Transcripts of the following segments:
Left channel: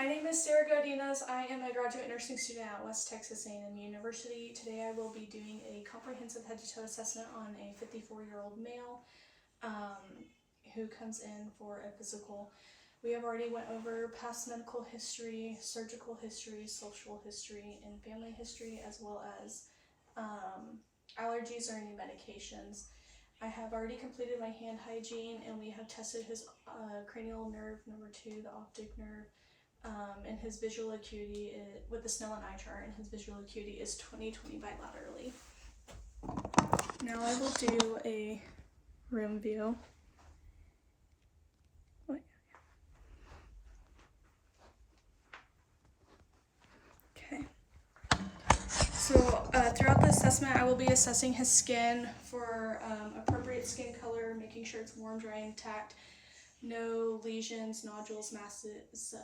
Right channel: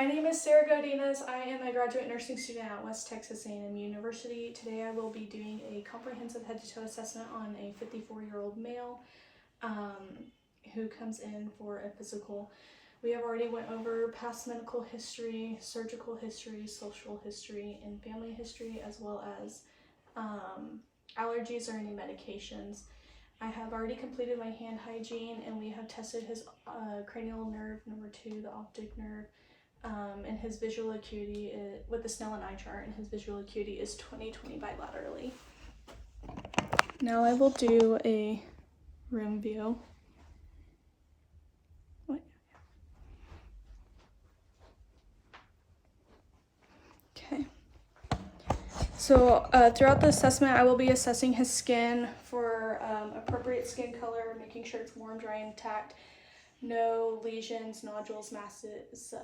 My name is Sarah Godinez. I am a graduate nursing student at West Texas A&M University. Today I will be doing a comprehensive head-to-toe assessment on a 54-year-old male who comes in for a physical. We have already went over past medical history, surgical history, social history, and family history, as well as allergies or any medications. I have already completed my hand hygiene, and we have tested his cranial nerve, number 2, the optic nerve, and his visual acuity with the Snellen eye chart, and his visual acuity is 20/20 bilaterally. Now I will do a room view. Okay. So throughout the assessment, I will be assessing his skin for appropriate skin color, making sure it's warm, dry, and intact. No lesions, nodules, masses,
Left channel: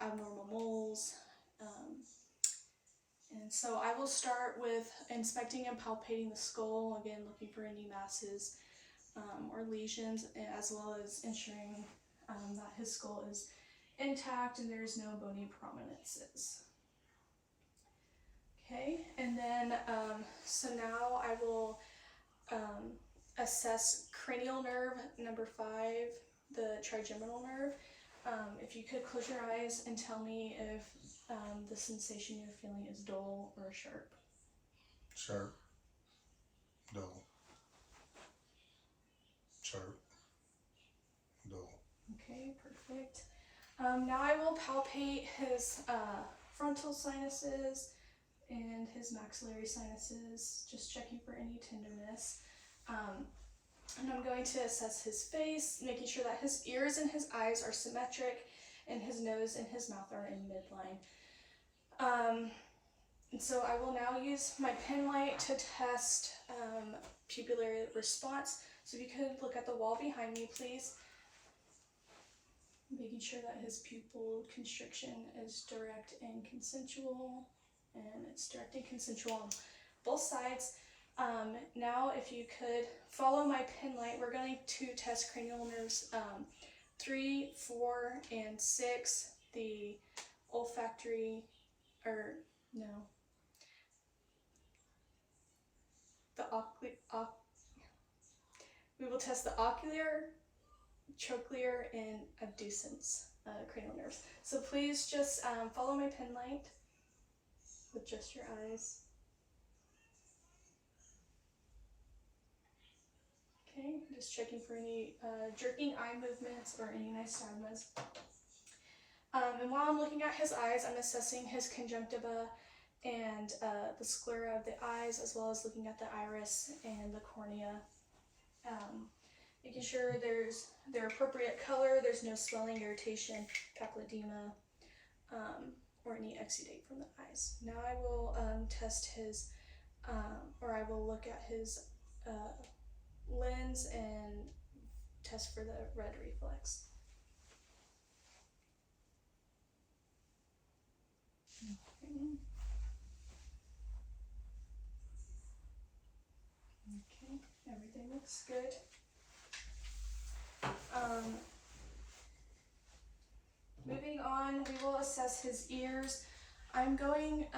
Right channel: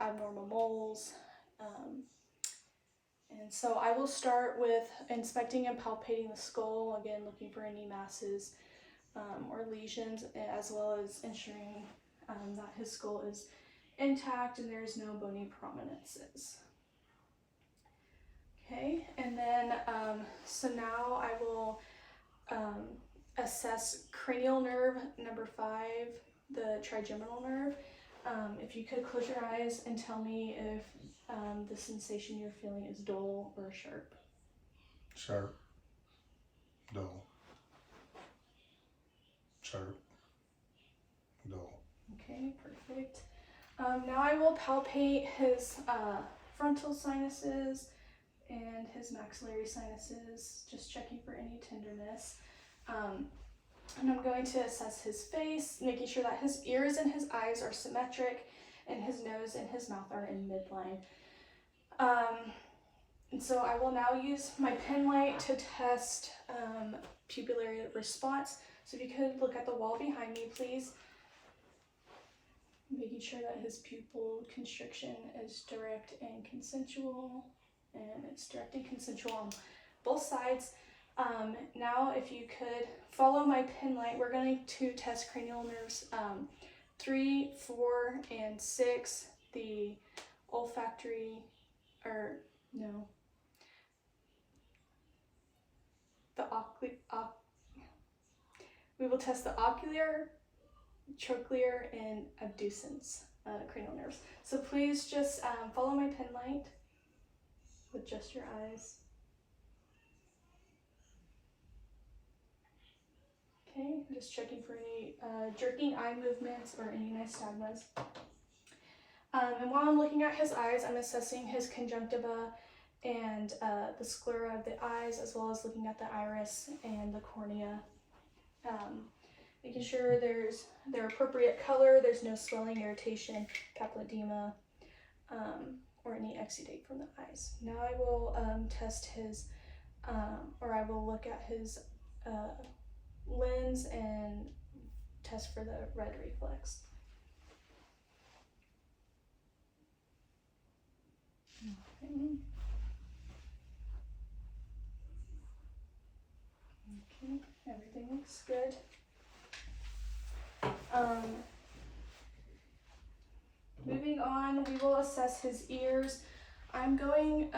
abnormal moles. And so I will start with inspecting and palpating the skull, again looking for any masses or lesions, as well as ensuring that his skull is intact and there's no bony prominences. Okay, and then so now I will assess cranial nerve, number 5, the trigeminal nerve. If you could close your eyes and tell me if the sensation you're feeling is dull or sharp. Sharp. Dull. Sharp. Dull. Okay, perfect. Now I will palpate his frontal sinuses and his maxillary sinuses, just checking for any tenderness. And I'm going to assess his face, making sure that his ears and his eyes are symmetric, and his nose and his mouth are in midline. And so I will now use my pen light to test pupillary response. So if you could look at the wall behind me, please. Making sure that his pupil constriction is direct and consensual, and it's direct and consensual on both sides. Now if you could follow my pen light, we're going to test cranial nerves 3, 4, and 6, the olfactory, we will test the ocular, trochlear, and abducens cranial nerves. So please just follow my pen light with just your eyes. Okay, just checking for any jerking eye movements or any nystagmus. And while I'm looking at his eyes, I'm assessing his conjunctiva and the sclera of the eyes, as well as looking at the iris and the cornea. Making sure there's their appropriate color, there's no swelling, irritation, papilledema, or any exudate from the eyes. Now I will test his, I will look at his lens and test for the red reflex. Okay, everything looks good. Moving on, we will assess his ears. I'm going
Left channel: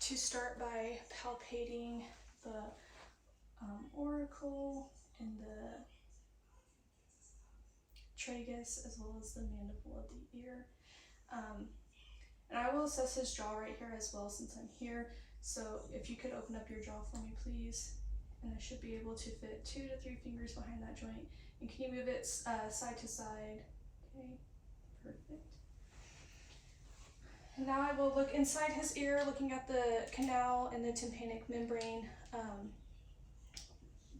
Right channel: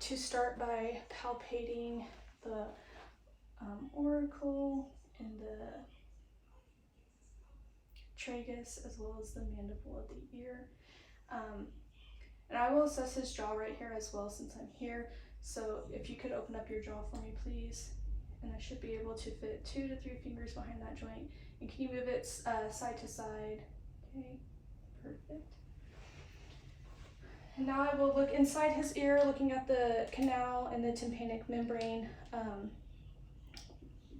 to start by palpating the auricle and the tragus, as well as the mandible of the ear. And I will assess his jaw right here as well, since I'm here. So if you could open up your jaw for me, please. And I should be able to fit 2 to 3 fingers behind that joint. And can you move it side to side? Okay, perfect. And now I will look inside his ear, looking at the canal and the tympanic membrane,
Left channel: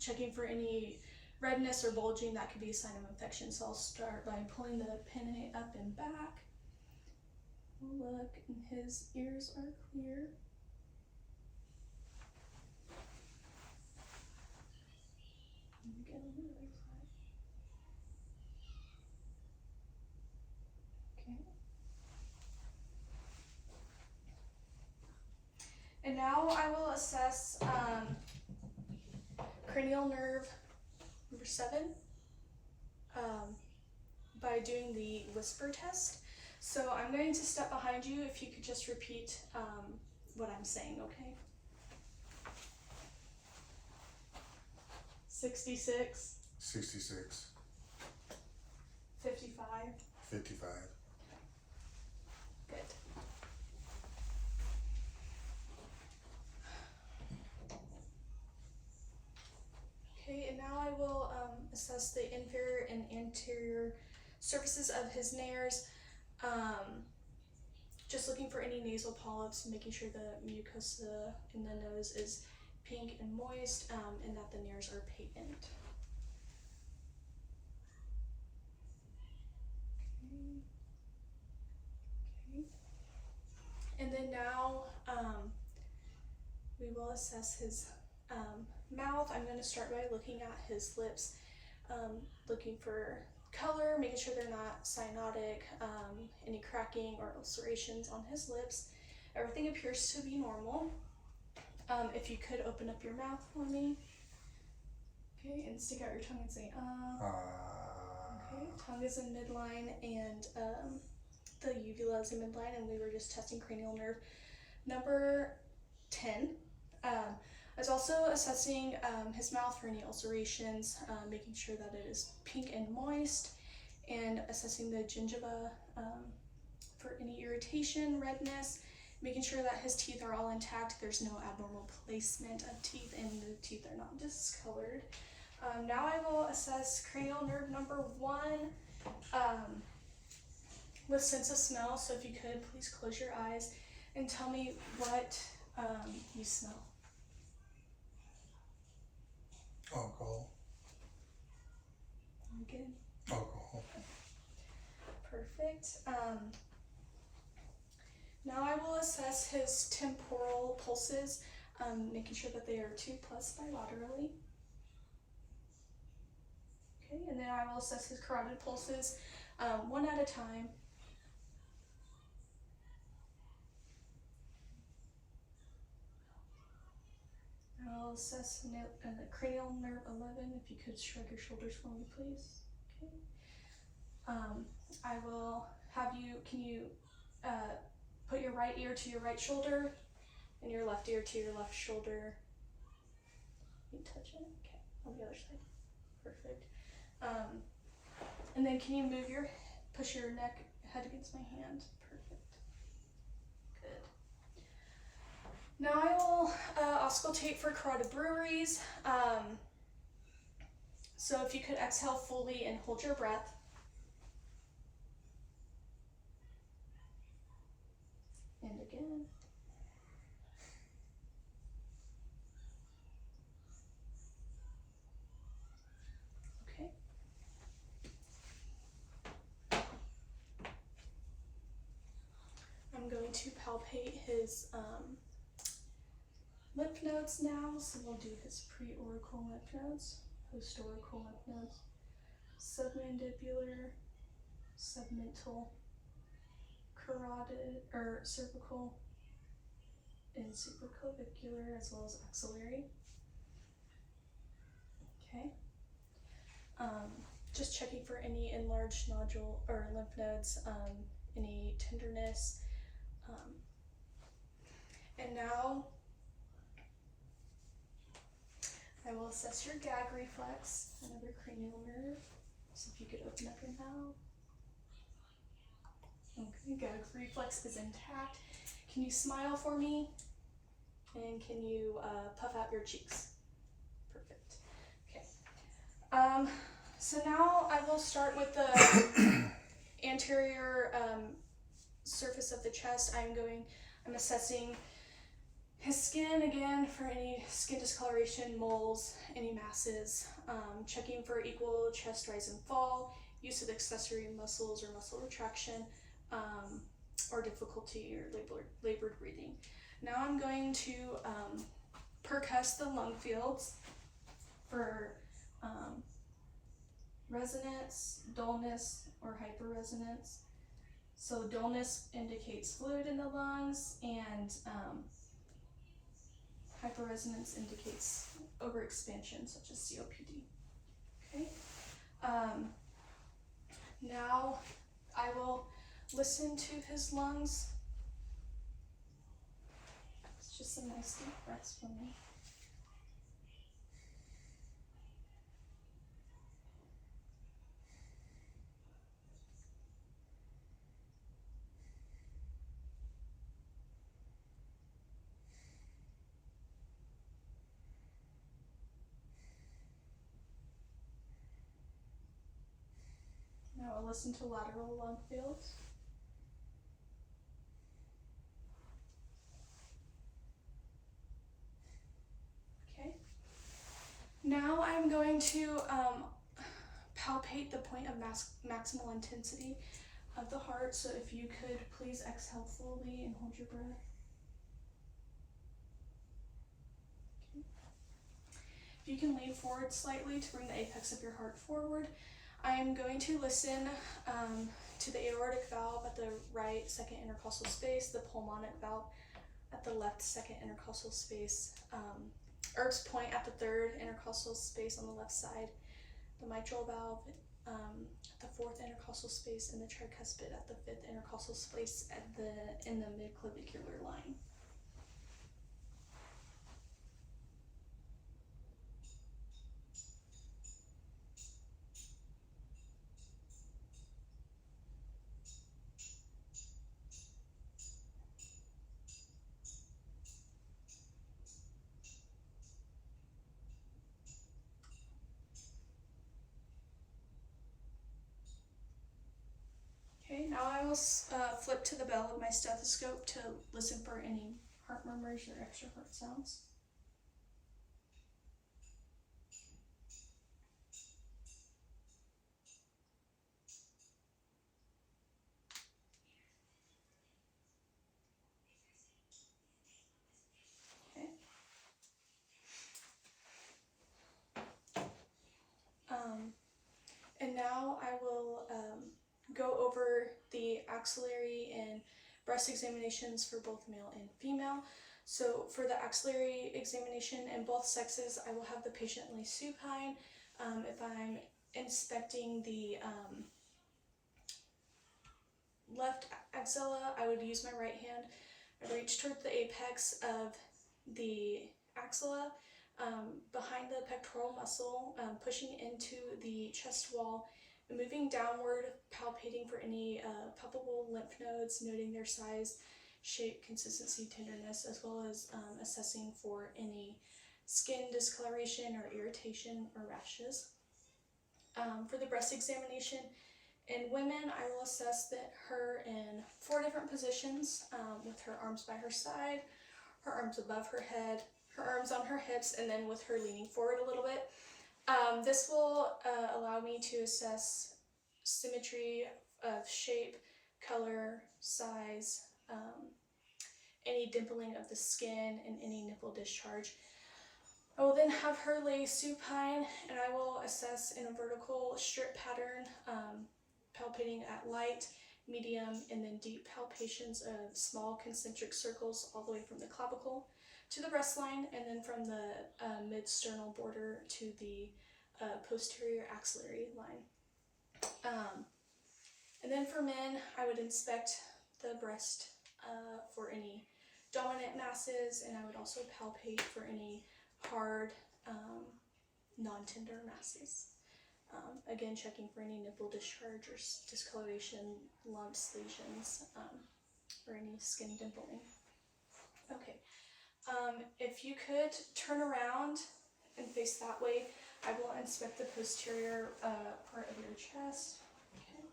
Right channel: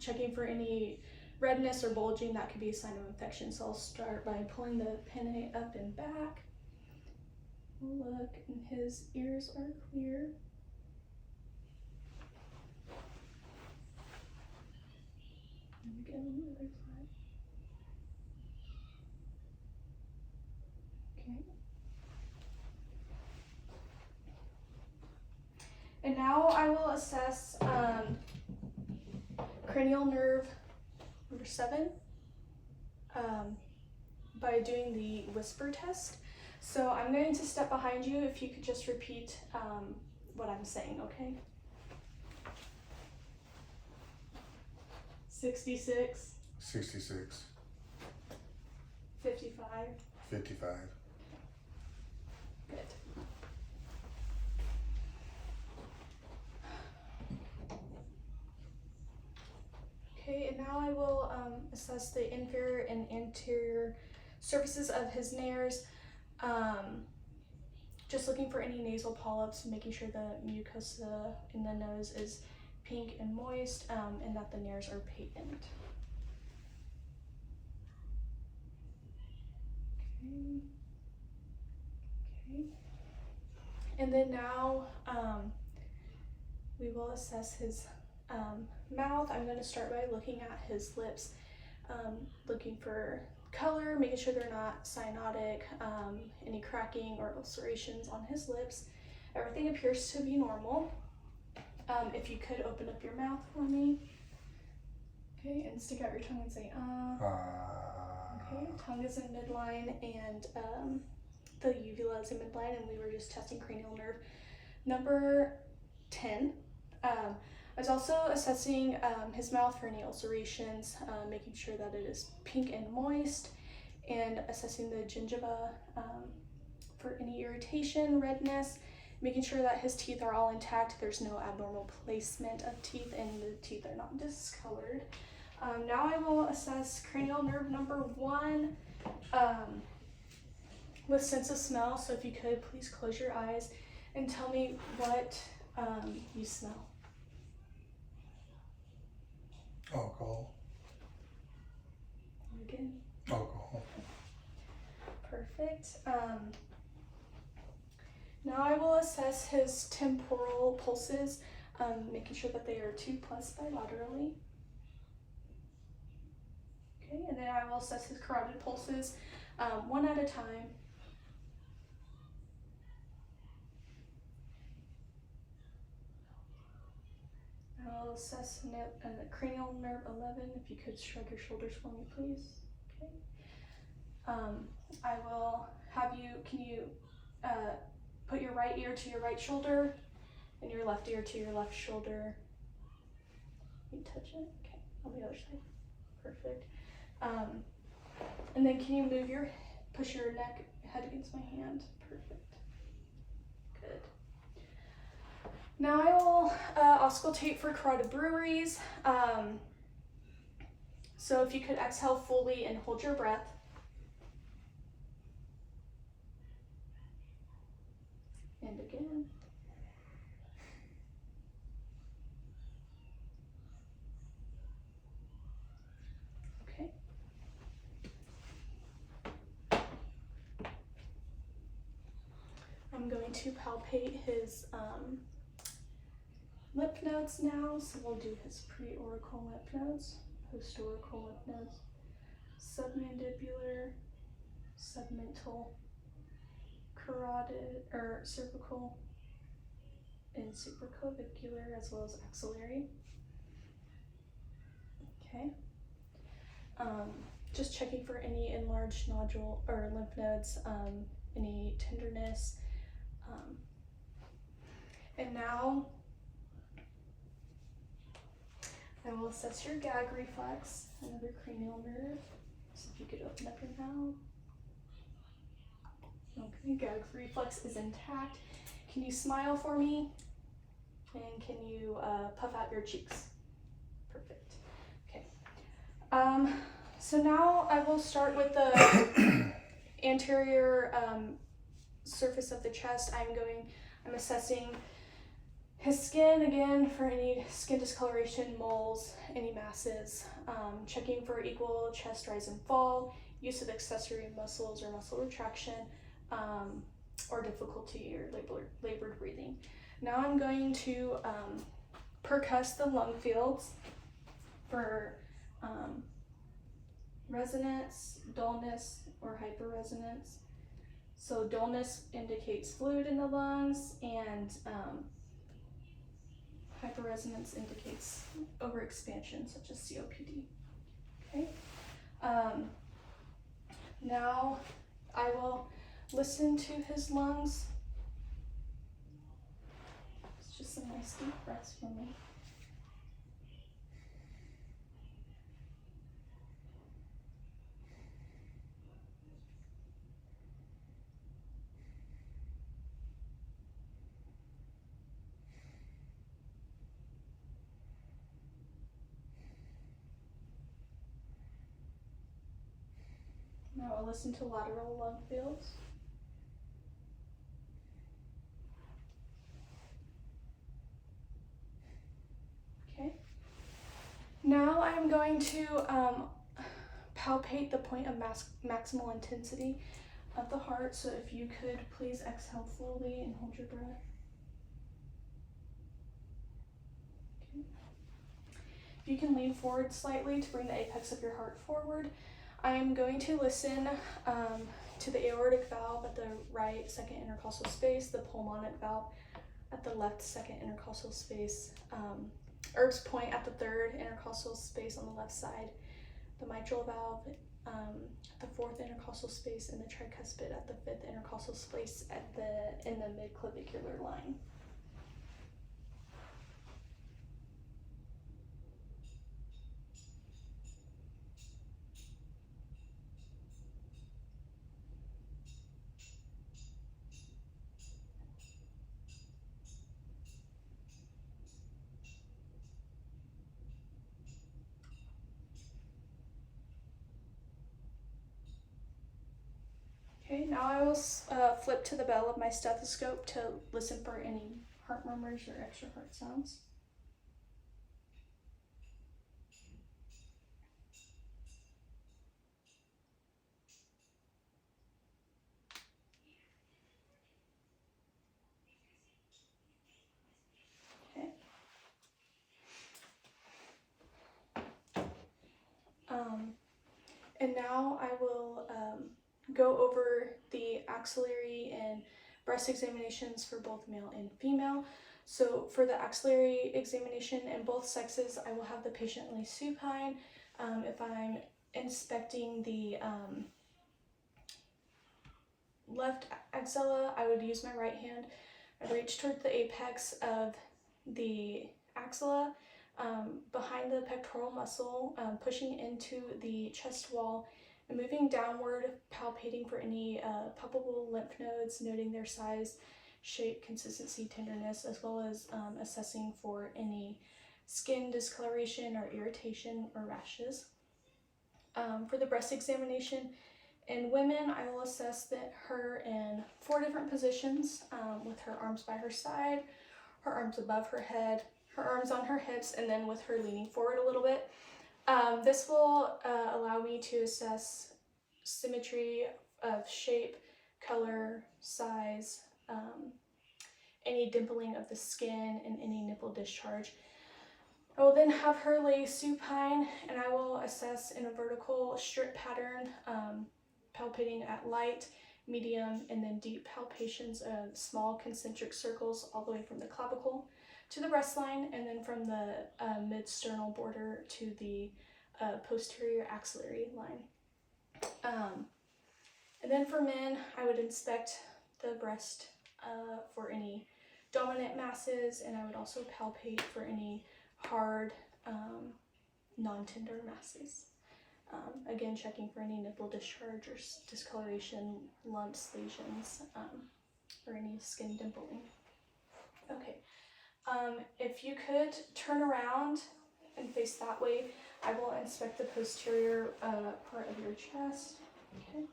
checking for any redness or bulging that could be a sign of infection. So I'll start by pulling the pinnae up and back. We'll look, and his ears are clear. And again on the other side. Okay. And now I will assess cranial nerve number 7 by doing the whisper test. So I'm going to step behind you. If you could just repeat what I'm saying, okay? 66. 66. 55. 55. Good. Okay, and now I will assess the inferior and anterior surfaces of his nares. Just looking for any nasal polyps, making sure the mucosa in the nose is pink and moist, and that the nares are patent. Okay. Okay. And then now we will assess his mouth. I'm going to start by looking at his lips, looking for color, making sure they're not cyanotic, any cracking or ulcerations on his lips. Everything appears to be normal. If you could open up your mouth for me. Okay, and stick out your tongue and say, Okay, tongue is in midline and the uvula is in midline, and we were just testing cranial nerve number 10. I was also assessing his mouth for any ulcerations, making sure that it is pink and moist, and assessing the gingiva for any irritation, redness, making sure that his teeth are all intact, there's no abnormal placement of teeth, and the teeth are not discolored. Now I will assess cranial nerve number 1 with sense of smell. So if you could, please close your eyes and tell me what you smell. Alcohol. Again. Alcohol. Perfect. Now I will assess his temporal pulses, making sure that they are 2+ bilaterally. Okay, and then I will assess his carotid pulses 1 at a time. I will assess cranial nerve 11. If you could shrug your shoulders for me, please. Okay. I will have you, can you put your right ear to your right shoulder and your left ear to your left shoulder? Can you touch it? Okay, on the other side. Perfect. And then can you move push your head against my hand? Perfect. Good. Now I will auscultate for carotid breweries. So if you could exhale fully and hold your breath. And again. Okay. I'm going to palpate his lymph nodes now. So we'll do his preauricle lymph nodes, postauricle lymph nodes, submandibular, submental, carotid or cervical, and supraclavicular, as well as axillary. Okay. Just checking for any enlarged nodule or lymph nodes, any tenderness. And now I will assess your gag reflex, another cranial nerve. So if you could open up your mouth. Okay, gag reflex is intact. Can you smile for me? And can you puff out your cheeks? Perfect. Okay. So now I will start with the anterior surface of the chest. I'm assessing his skin again for any skin discoloration, moles, any masses, checking for equal chest rise and fall, use of accessory muscles or muscle retraction, or difficulty or labored breathing. Now I'm going to percuss the lung fields for resonance, dullness, or hyperresonance. So dullness indicates fluid in the lungs, and hyperresonance indicates overexpansion, such as COPD. Okay. Now I will listen to his lungs. It's just some nice deep breaths for me. Now I'll listen to lateral lung fields. Okay. Now I'm going to palpate the point of maximal intensity of the heart. So if you could please exhale fully and hold your breath. Okay. If you can lean forward slightly to bring the apex of your heart forward, I am going to listen to the aortic valve at the right second intercostal space, the pulmonic valve at the left second intercostal space, Erb's point at the third intercostal space on the left side, the mitral valve at the fourth intercostal space, and the tricuspid at the fifth intercostal space in the midclavicular line. Okay, now I will flip to the bell of my stethoscope to listen for any heart murmurs or extra heart sounds. Okay. And now I will go over the axillary and breast examinations for both male and female. So for the axillary examination in both sexes, I will have the patient lay supine. If I'm inspecting the left axilla, I would use my right hand. I reach towards the apex of the axilla, behind the pectoral muscle, pushing into the chest wall, and moving downward, palpating for any palpable lymph nodes, noting their size, shape, consistency, tenderness, as well as assessing for any skin discoloration or irritation or rashes. For the breast examination, in women, I will assess her in 4 different positions, with her arms by her side, her arms above her head, her arms on her hips, and then with her leaning forward a little bit. This will allow me to assess symmetry of shape, color, size, any dimpling of the skin, and any nipple discharge. I will then have her lay supine, and I will assess in a vertical strip pattern, palpating at light, medium, and then deep palpations of small concentric circles all the way from the clavicle to the breast line, and then from the mid-sternal border to the posterior axillary line. And then for men, I would inspect the breast for any dominant masses, and I would also palpate for any hard, non-tender masses. Again, checking for any nipple discharge or discoloration, lumps, lesions, or any skin dimpling. Okay, if you could turn around and face that way, I will inspect the posterior part of your chest. Okay.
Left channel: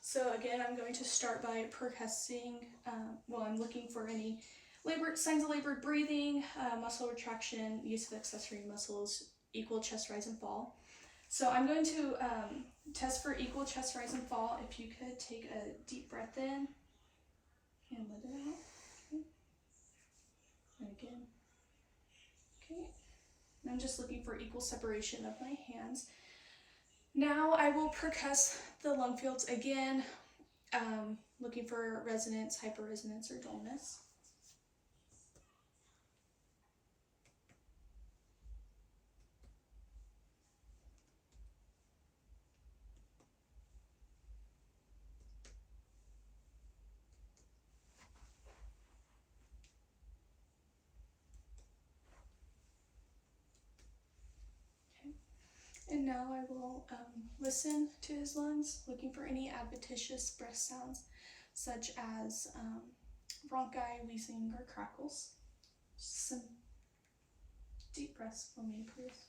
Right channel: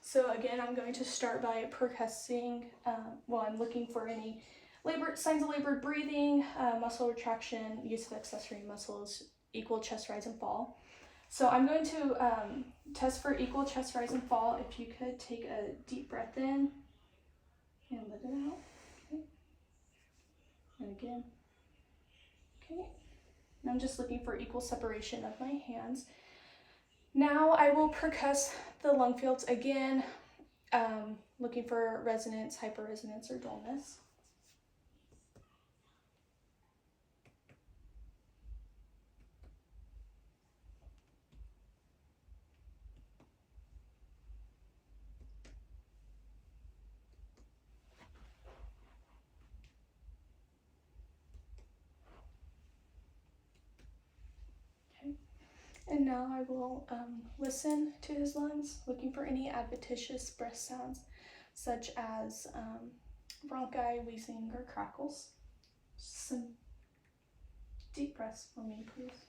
So again, I'm going to start by percussing. I'm looking for any signs of labored breathing, muscle retraction, use of accessory muscles, equal chest rise and fall. So I'm going to test for equal chest rise and fall. If you could take a deep breath in and let it out. Okay. And again. Okay. And I'm just looking for equal separation of my hands. Now I will percuss the lung fields again, looking for resonance, hyperresonance, or dullness. now I will listen to his lungs, looking for any adventitious breath sounds, such as bronchi, wheezing, or crackles. Some deep breaths for me, please.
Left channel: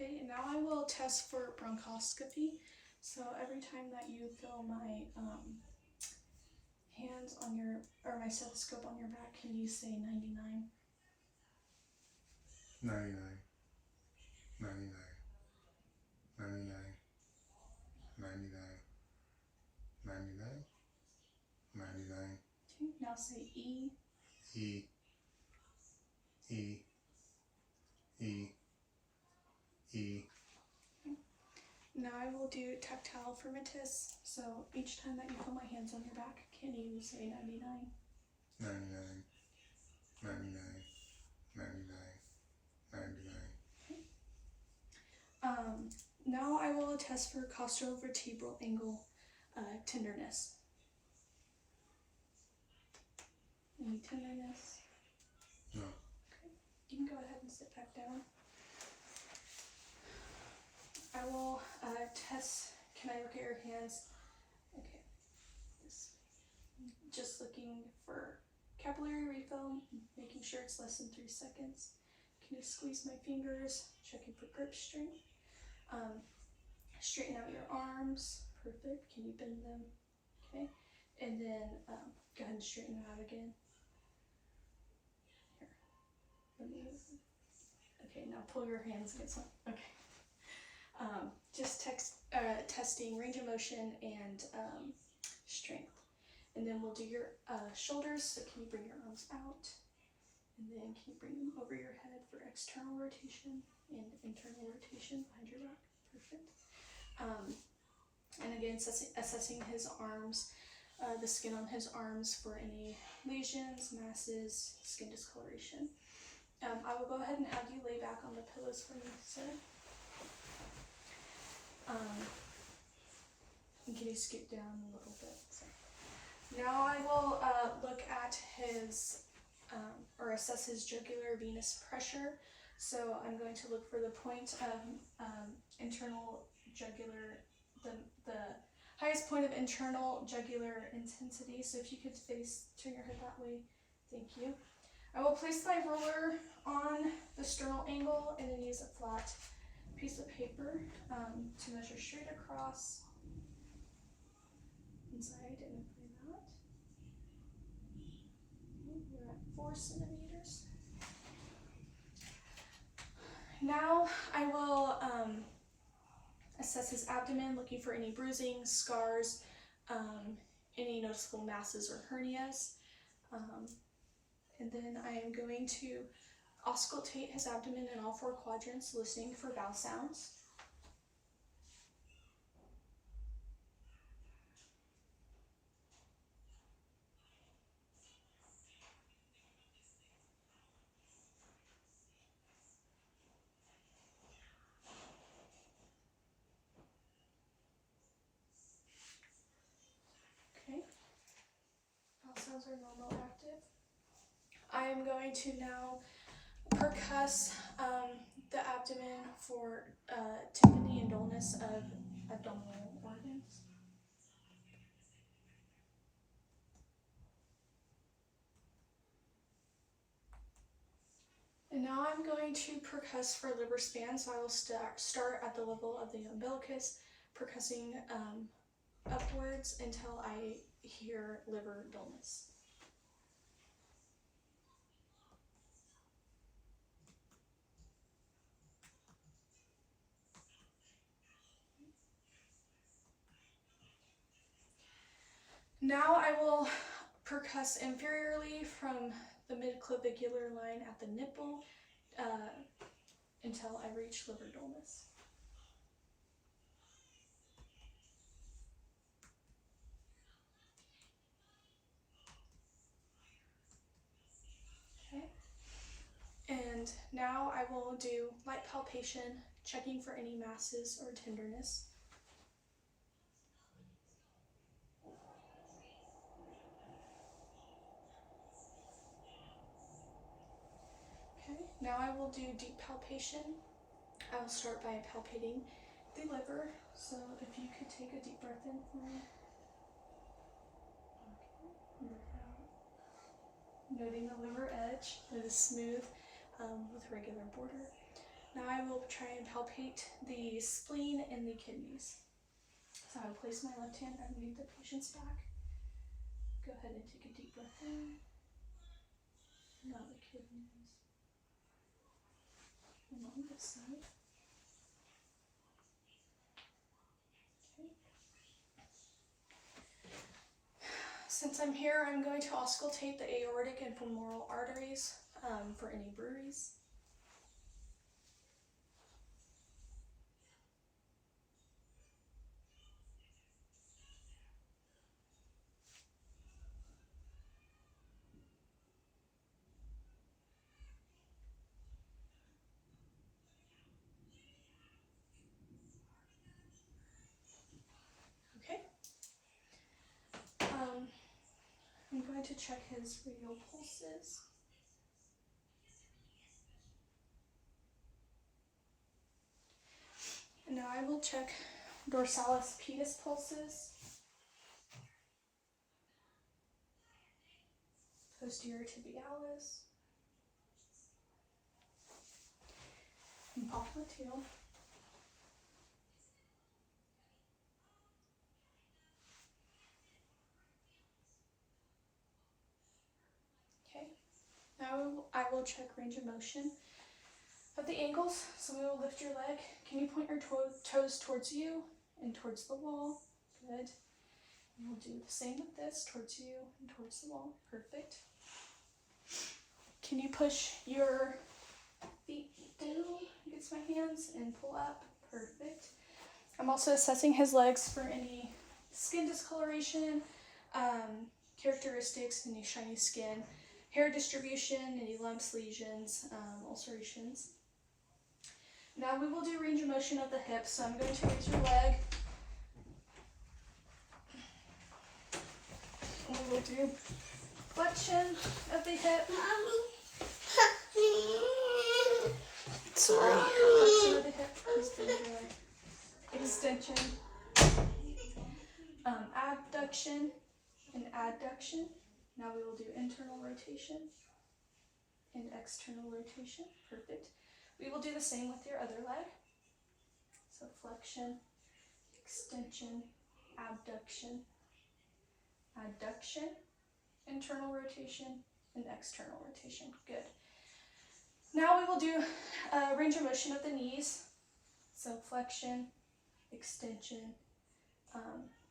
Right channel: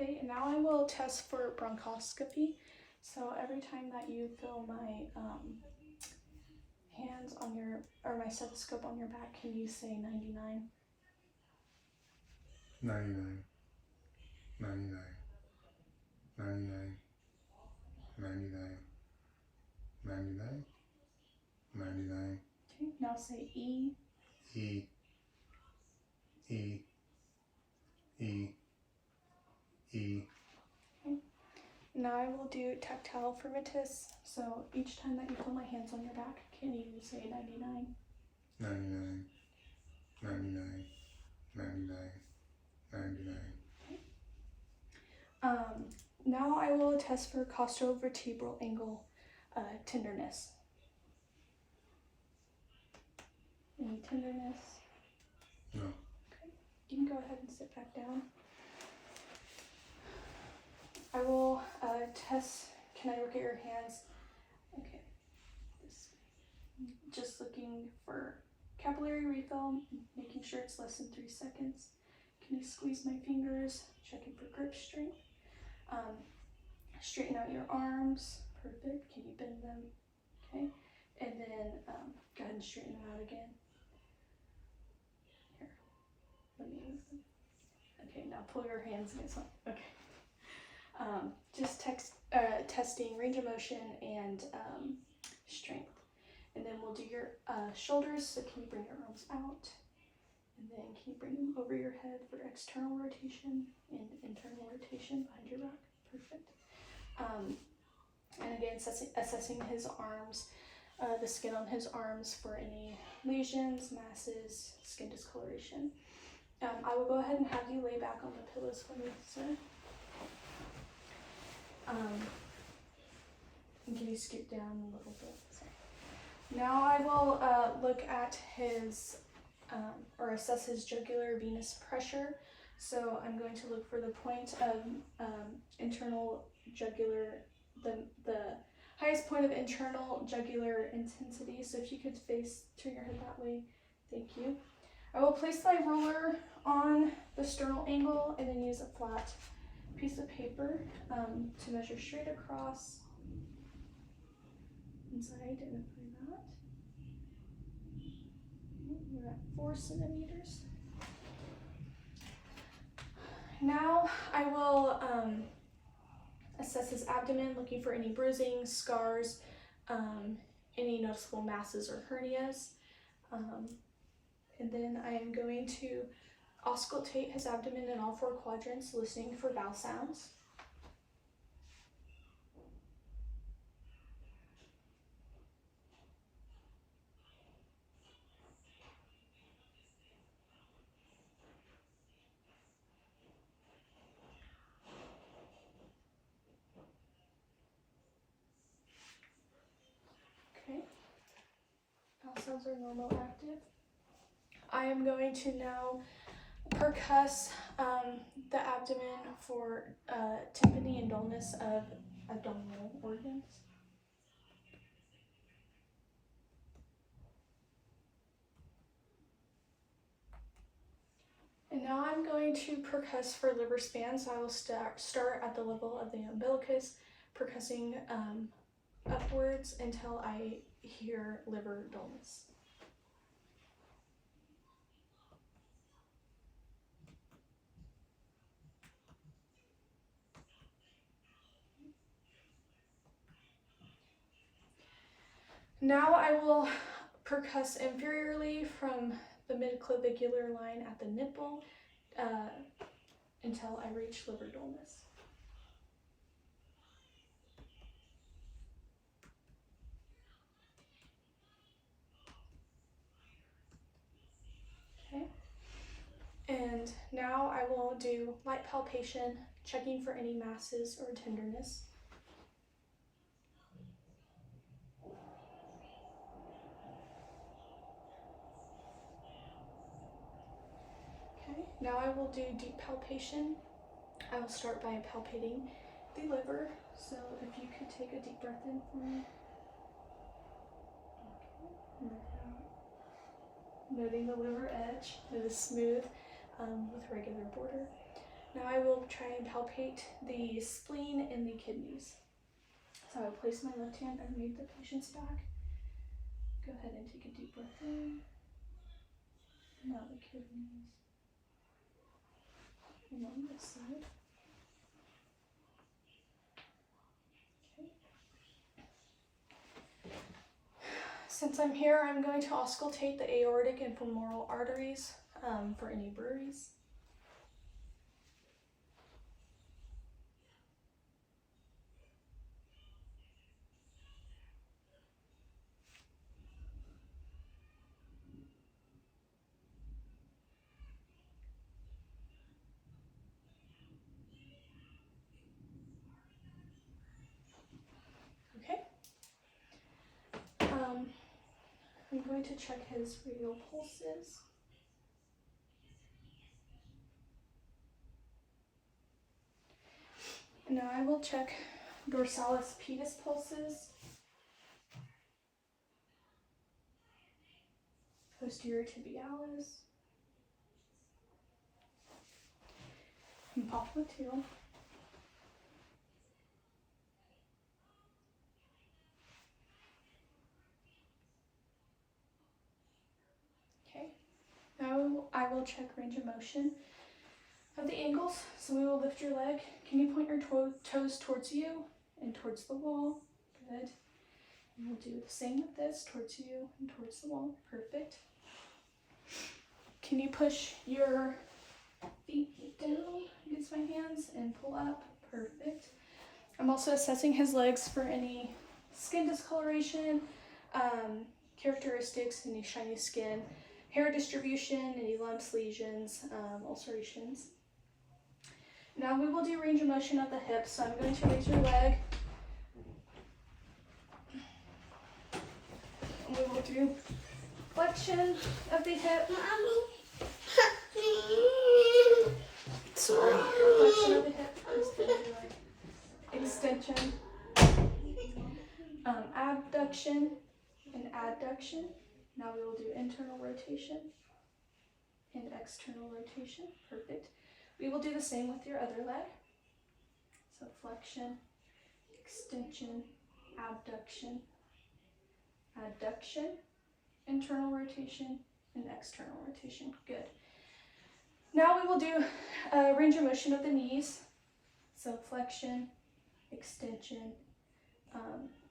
Okay, and now I will test for bronchoscopy. So every time that you feel my hands on your, or my stethoscope on your back, can you say 99? 99, 99, 99, 99, 99, 99. Okay, now say E. E, E, E, E. Okay. Now I will do tactile firmitus. So each time that you feel my hands on your back, can you say 99? 99, 99, 99, 99. Now I will test for costovertebral angle tenderness. Any tenderness? No. Okay. You can go ahead and sit back down. I will test. Can I look at your hands? Okay. Just looking for capillary refill, making sure it's less than 3 seconds. Can you squeeze my fingers? Checking for grip strength. Straighten out your arms. Perfect. Can you bend them? Okay. And then go ahead and straighten them out again. Here. Let me. Okay. Now pull your hands against one. Okay. Just testing range of motion and strength. And then we'll do your shoulders. So can you bring your arms out? And then can you bring them over your head for external rotation and internal rotation behind your back? Perfect. And again, assessing his arms, the skin on his arms for any lesions, masses, skin discoloration. I will go ahead and have you lay back on the pillows for me, sir. And can you scoot down a little bit? Sorry. Now I will look at his, or assess his jugular venous pressure. So I'm going to look for the point of internal jugular, the highest point of internal jugular intensity. So if you could turn your head that way, thank you. I will place my ruler on the sternal angle and then use a flat piece of paper to measure straight across. And so I identify that. Okay, we're at 4 centimeters. Now I will assess his abdomen, looking for any bruising, scars, any noticeable masses or hernias. And then I am going to auscultate his abdomen in all 4 quadrants, listening for vowel sounds. Okay, vowel sounds are normal active. I am going to now percuss the abdomen for tympany and dullness of abdominal organs. And now I'm going to percuss for liver span, so I will start at the level of the umbilicus, percussing upwards until I hear liver dullness. Now I will percuss inferiorly from the midclavicular line at the nipple until I reach liver dullness. Okay. And now I will do light palpation, checking for any masses or tenderness. Okay, now I will do deep palpation. I will start by palpating the liver. So if you could take a deep breath in for me. Okay, breathe out. Noting the liver edge, it is smooth with regular border. Now I will try and palpate the spleen and the kidneys. So I will place my left hand underneath the patient's back. Go ahead and take a deep breath in. Now the kidneys along this side. Okay. Since I'm here, I'm going to auscultate the aortic and femoral arteries for any bruits. Okay. I'm going to check his radial pulses. And now I will check dorsalis pedis pulses, posterior tibialis, and popliteal. Okay. Now I will check range of motion of the ankles. So we will lift your leg. Can you point your toes towards you and towards the wall? Good. And we'll do the same with this, towards you and towards the wall. Perfect. Can you push your feet down against my hands and pull up? Perfect. I'm also assessing his legs for any skin discoloration, characteristics, any shiny skin, hair distribution, any lumps, lesions, ulcerations. Now we will do range of motion of the hips. So I'm going to raise your leg. And we will do flexion of the hip. Sorry. Flexion of the hip. Extension. Abduction and adduction. Now we will do internal rotation and external rotation. Perfect. We will do the same with your other leg. So flexion, extension, abduction, adduction, internal rotation, and external rotation. Good. Now we will do range of motion of the knees. So flexion, extension,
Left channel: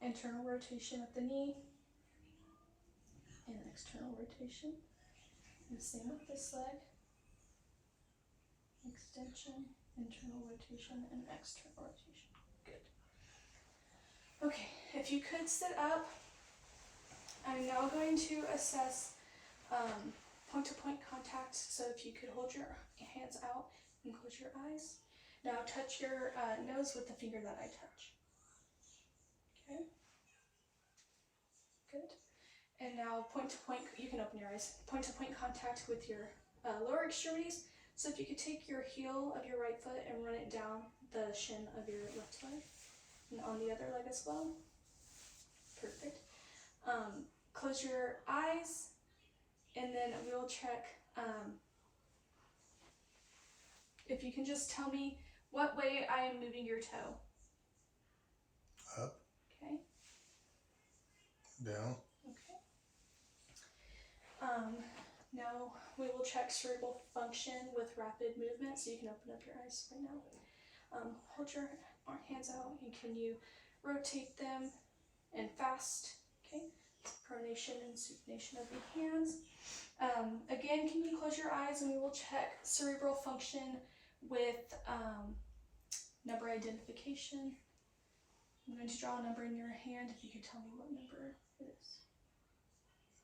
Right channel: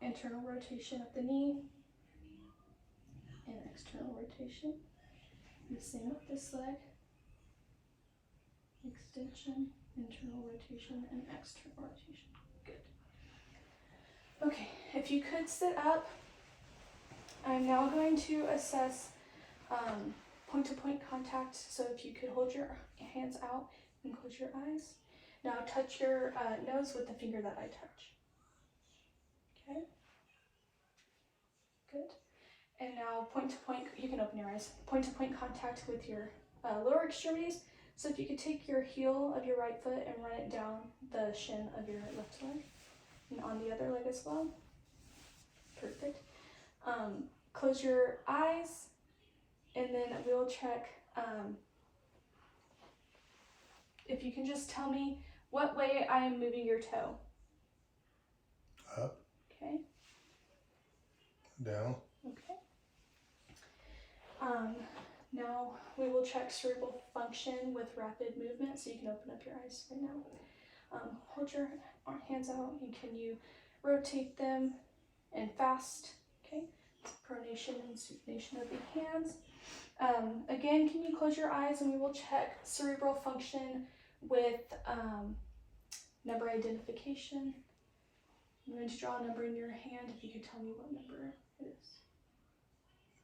internal rotation of the knee, and external rotation. And the same with this leg. Extension, internal rotation, and external rotation. Good. Okay, if you could sit up, I'm now going to assess point-to-point contact. So if you could hold your hands out and close your eyes. Now touch your nose with the finger that I touch. Okay. Good. And now point-to-point, you can open your eyes. Point-to-point contact with your lower extremities. So if you could take your heel of your right foot and run it down the shin of your left leg and on the other leg as well. Perfect. Close your eyes and then we'll check if you can just tell me what way I am moving your toe. Up. Okay. Down. Okay. Now we will check cerebral function with rapid movement, so you can open up your eyes right now. Hold your hands out and can you rotate them and fast? Okay. Pronation and supination of the hands. Again, can you close your eyes and we will check cerebral function with number identification. I'm going to draw a number in your hand if you could tell me what number it is.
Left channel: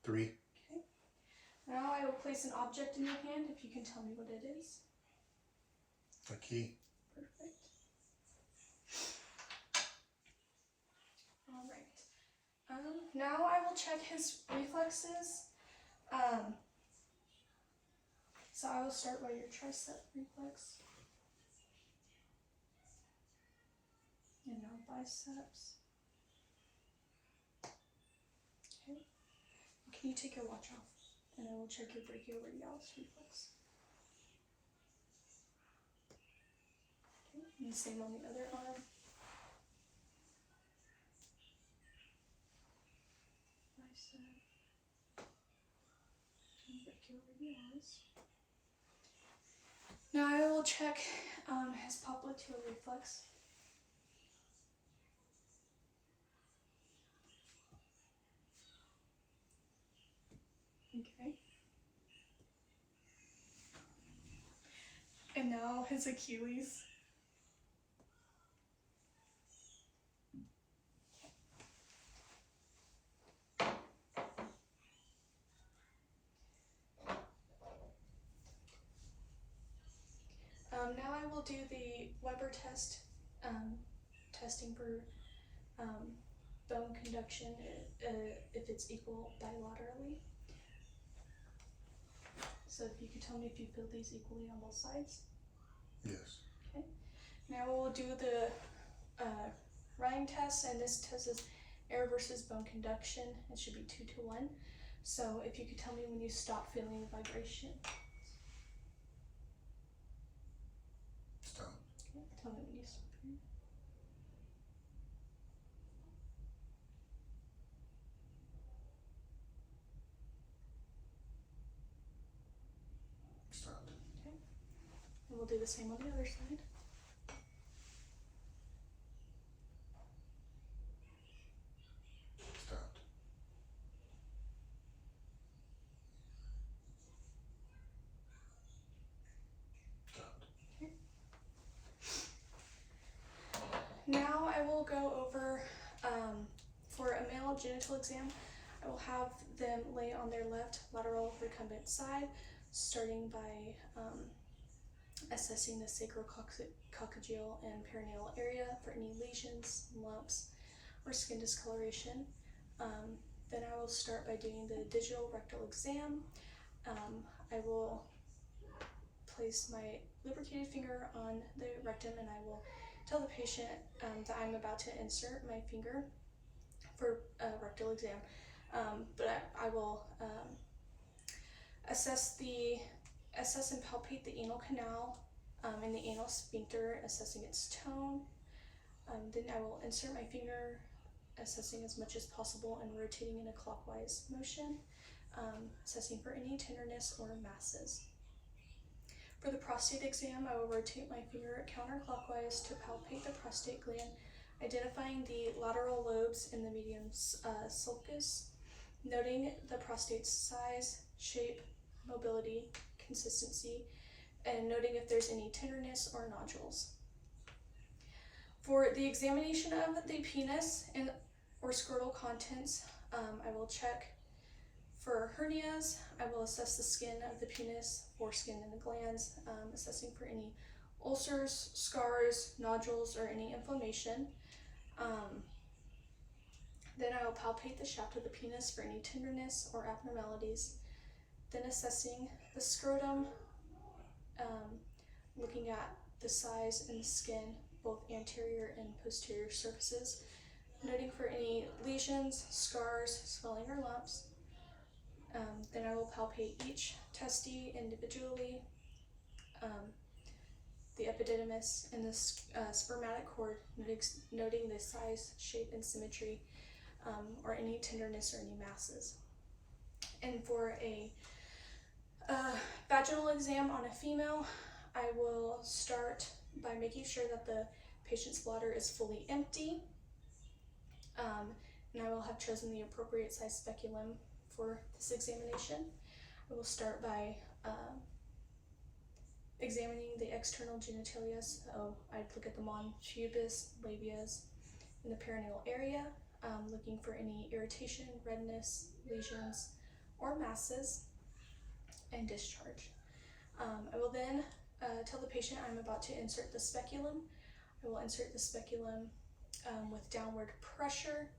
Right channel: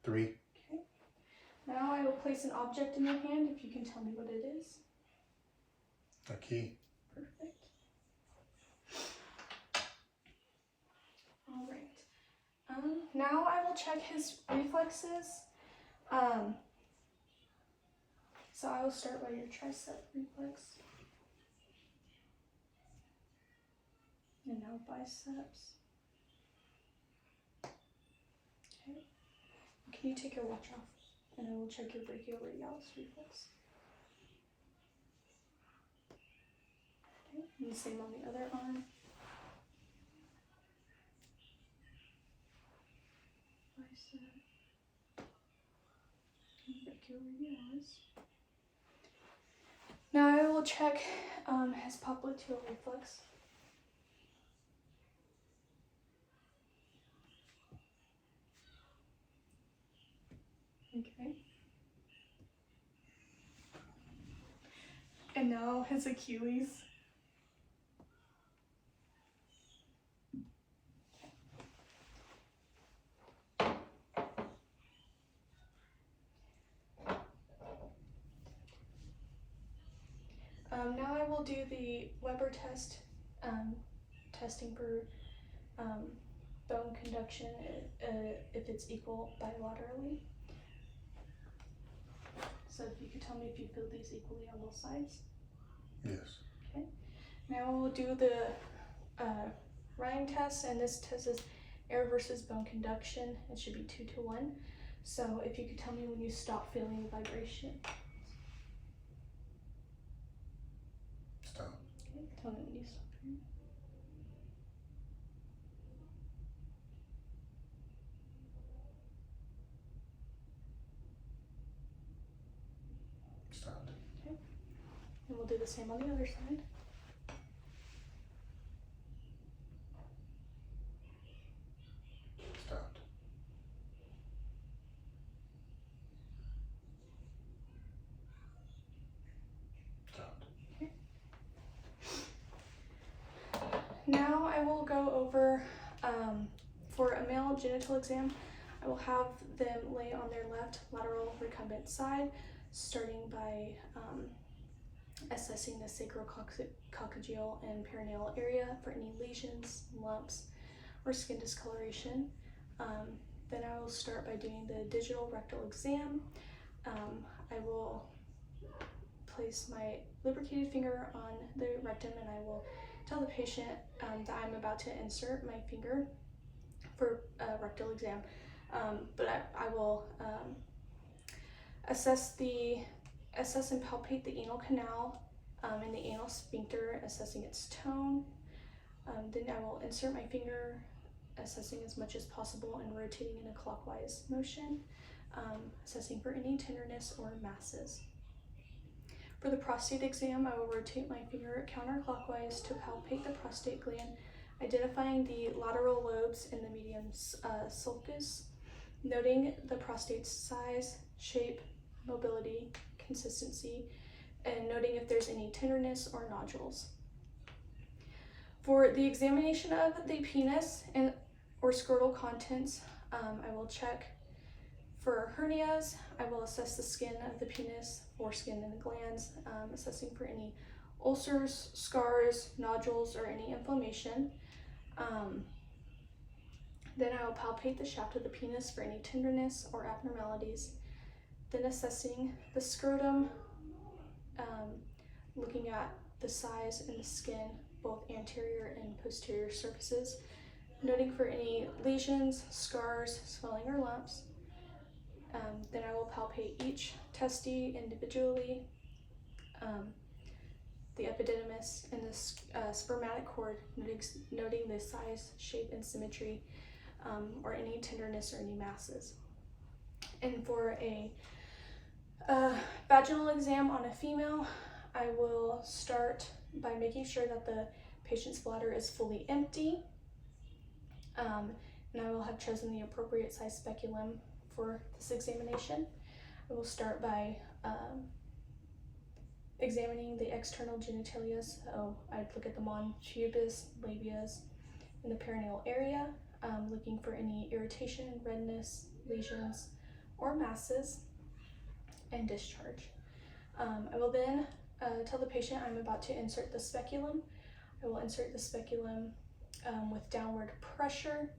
3. Okay. Now I will place an object in your hand if you can tell me what it is. A key. Perfect. All right. Now I will check his reflexes. So I will start by your tricep reflex. And now biceps. Okay. Can you take your watch off? And I will check your brachioradialis reflex. Okay. And the same on the other arm. Bicep. And brachioradialis. Now I will check his popliteal reflex. Okay. And now his Achilles. Now I will do the Weber test, testing for bone conduction if it's equal bilaterally. So if you could tell me if you feel these equally on both sides. Yes. Okay. Now we'll do the running test, and this test is air versus bone conduction. It should be 2 to 1. So if you could tell me when you stop feeling the vibration. Stop. Okay. Tell me when you stop hearing. Stopped. Okay. And we'll do the same on the other side. Stopped. Stopped. Okay. Now I will go over, for a male genital exam, I will have them lay on their left lateral recumbent side, starting by assessing the sacrococcygeal and perineal area for any lesions, lumps, or skin discoloration. Then I will start by doing the digital rectal exam. I will place my lubricated finger on the rectum and I will tell the patient that I'm about to insert my finger for a rectal exam. But I will assess and palpate the anal canal and the anal sphincter, assessing its tone. Then I will insert my finger, assessing as much as possible and rotating in a clockwise motion, assessing for any tenderness or masses. For the prostate exam, I will rotate my finger counterclockwise to palpate the prostate gland, identifying the lateral lobes in the medium sulcus, noting the prostate's size, shape, mobility, consistency, and noting if there's any tenderness or nodules. For the examination of the penis and or scrotal contents, I will check for hernias. I will assess the skin of the penis, foreskin, and the glands, assessing for any ulcers, scars, nodules, or any inflammation. Then I will palpate the shaft of the penis for any tenderness or abnormalities. Then assessing the scrotum, looking at the size and the skin, both anterior and posterior surfaces, noting for any lesions, scars, swelling, or lumps. Then I will palpate each testy individually, the epididymis and the spermatic cord, noting the size, shape, and symmetry, or any tenderness or any masses. And for a vaginal exam on a female, I will start by making sure that the patient's bladder is fully empty. and I will have chosen the appropriate size speculum for this examination. I will start by examining the external genitalia, so I'd look at them on pubis, labias, in the perineal area, looking for any irritation, redness, lesions, or masses, and discharge. I will then tell the patient I'm about to insert the speculum. I will insert the speculum with downward pressure,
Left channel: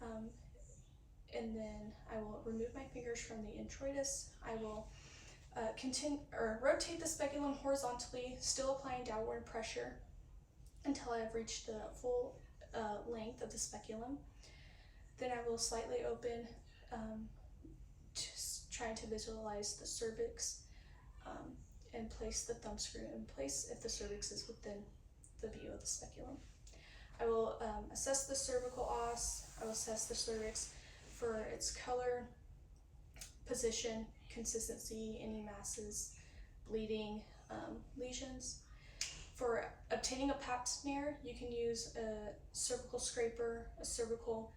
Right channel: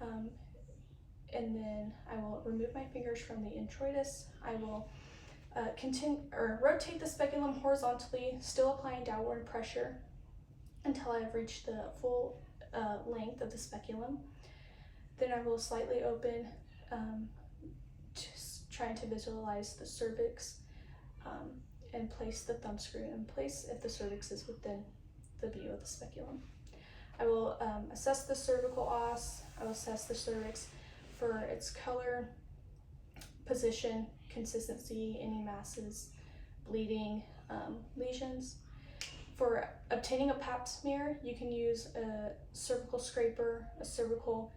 and then I will remove my fingers from the introitus. I will rotate the speculum horizontally, still applying downward pressure until I have reached the full length of the speculum. Then I will slightly open, trying to visualize the cervix, and place the thumb screw in place if the cervix is within the view of the speculum. I will assess the cervical os. I will assess the cervix for its color, position, consistency, any masses, bleeding, lesions. For obtaining a pap smear, you can use a cervical scraper, a cervical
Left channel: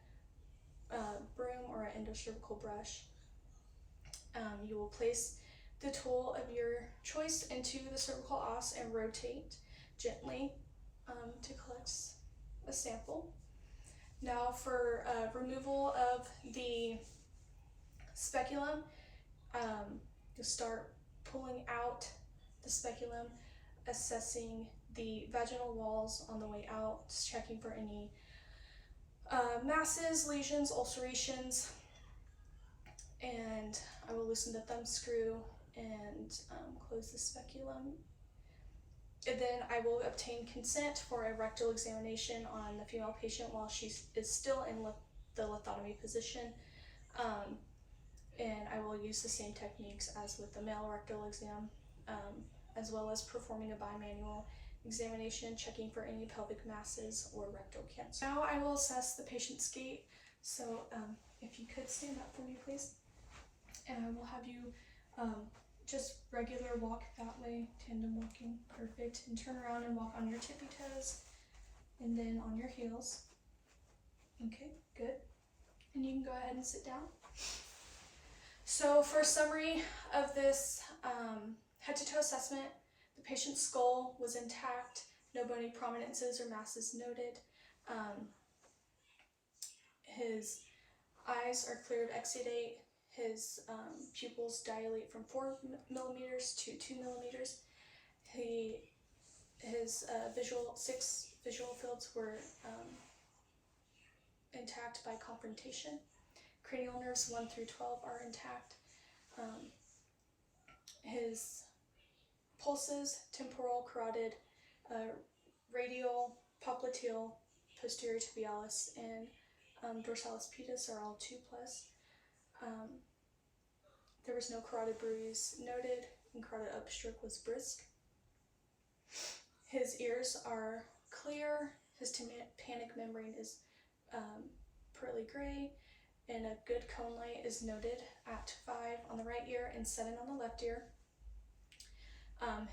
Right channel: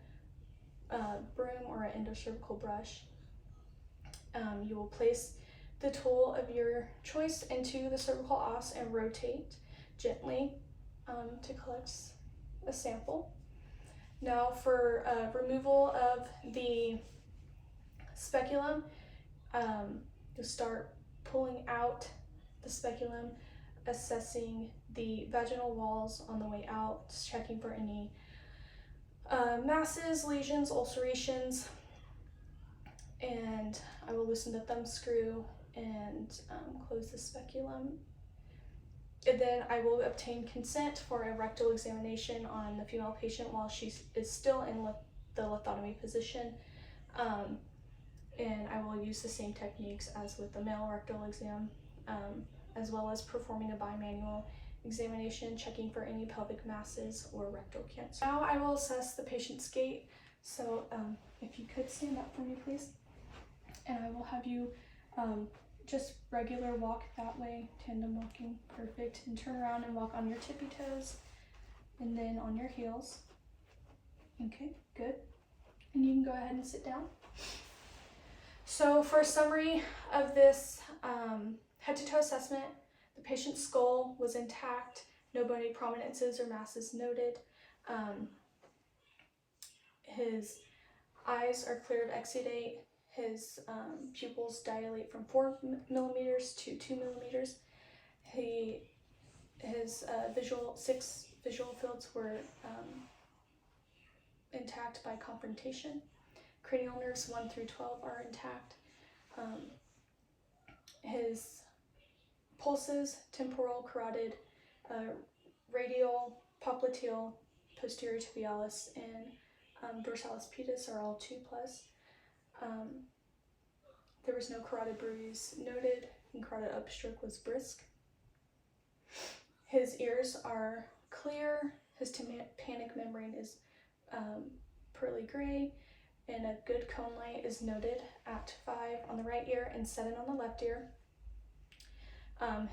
broom, or an endocervical brush. You will place the tool of your choice into the cervical os and rotate gently to collect a sample. Now for removal of the speculum, you'll start pulling out the speculum, assessing the vaginal walls on the way out, checking for any masses, lesions, ulcerations, and I will loosen the thumb screw and close the speculum. And then I will obtain consent for a rectal examination on the female patient while she is still in the lithotomy position. And I will use the same techniques as with the male rectal exam, as well as performing a bimanual examination, checking for any pelvic masses or rectal cancer. Now I will assess the patient's gait. So if you could stand up for me, please. And I will have you just regular walk that way, tandem walking, perfect, and turn around and walk on your tippy toes and then on your heels. Okay, good. And you can go ahead and sit down. So for a summary of this head to toe assessment, the patient's skull was intact, no bony prominences or masses noted. His eyes are clear to exudate. His pupils dilate from 4 millimeters to 2 millimeters. His 6 visual fields were intact by confrontation. Cranial nerves 1 through 12 are intact. His pulses, temporal, carotid, radial, popliteal, posterior tibialis, and dorsalis pedis are all 2+. There was no carotid bruise noted, and carotid upstroke was brisk. His ears are clear. His tympanic membrane is pearly gray, and a good cone light is noted at 5 on the right ear and 7 on the left ear.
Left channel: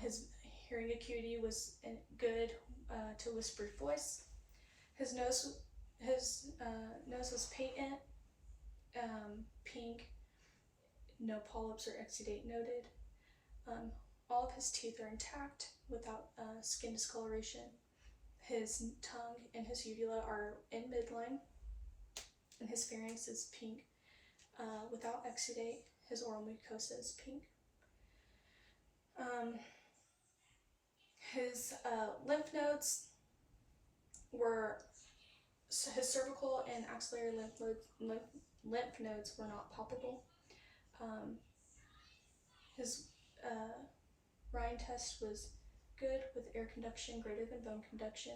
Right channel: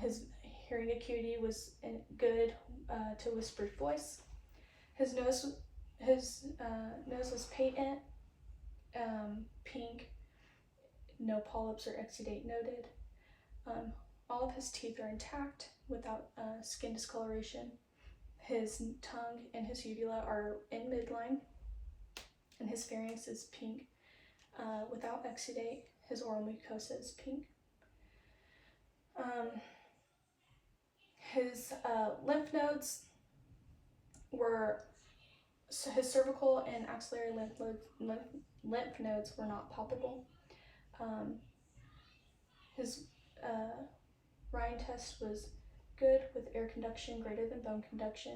His hearing acuity was good to whispered voice. His nose was patent, pink, no polyps or exudate noted. All of his teeth are intact without skin discoloration. His tongue and his uvula are in midline, and his pharynx is pink without exudate. His oral mucosa is pink. His lymph nodes were, so his cervical and axillary lymph nodes were not palpable. His Ryan test was good with air conduction greater than bone conduction,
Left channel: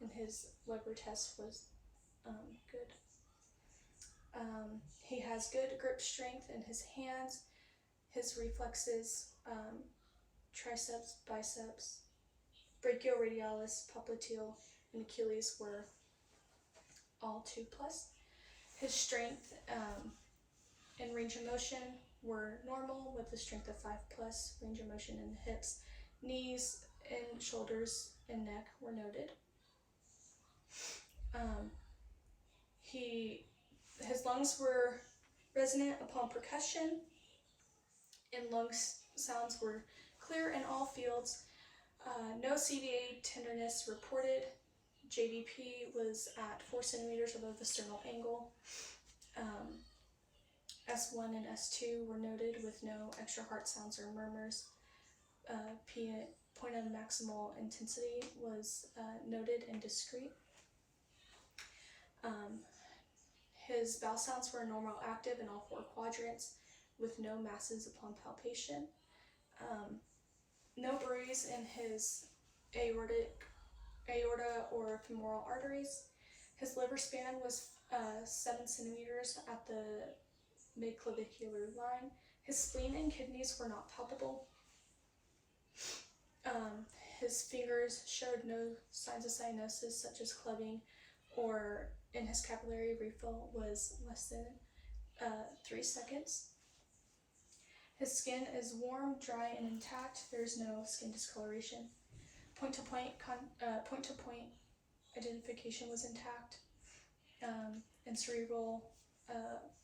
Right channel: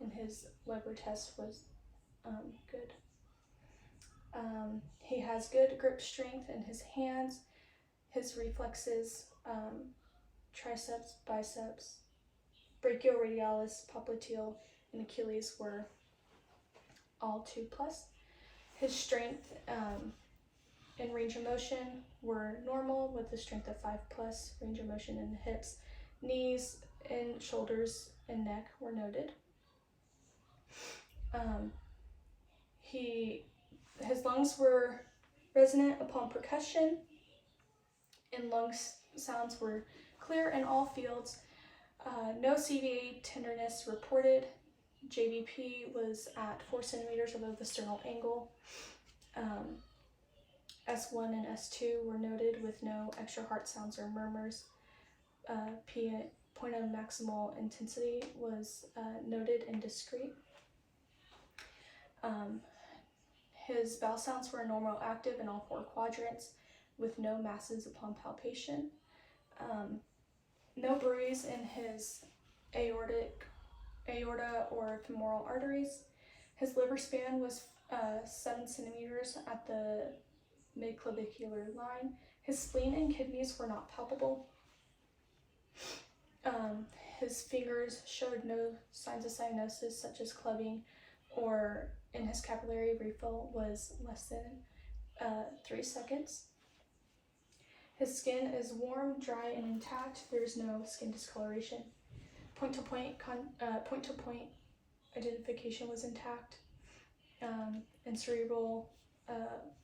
and his Weber test was good. He has good grip strength in his hands. His reflexes, triceps, biceps, brachioradialis, popliteal, and Achilles were all 2+. His strength and range of motion were normal with a strength of 5+. Range of motion in the hips, knees, and shoulders and neck were noted. He His lungs were resonant upon percussion, and lung sounds were clear in all fields. No CVA tenderness reported. JVP was at 4 centimeters above the sternal angle. S1 and S2 were noted with no extra heart sounds or murmurs. Point of maximal intensity was noted and discrete. His bowel sounds were normal active in all 4 quadrants with no masses upon palpation. No bruise in his aorta or femoral arteries. His liver span was 7 centimeters at the midclavicular line. His spleen and kidneys were not palpable. His fingers showed no signs of cyanosis such as clubbing, or in his capillary refill was less than 3 seconds. His skin is warm, dry, and intact. There is no skin discoloration. Point-to-point identification was intact, and cerebral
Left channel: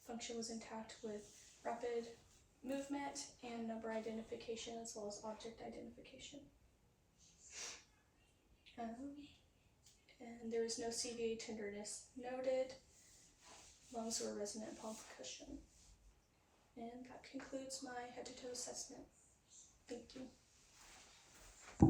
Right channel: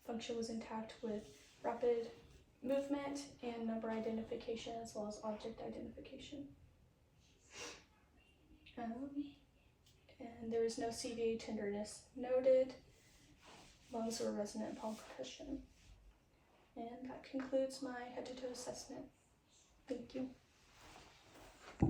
function was intact with rapid movement and number identification as well as object identification. And there was no CVA tenderness noted. Lungs were resonant upon percussion. And that concludes my head-to-toe assessment. Thank you.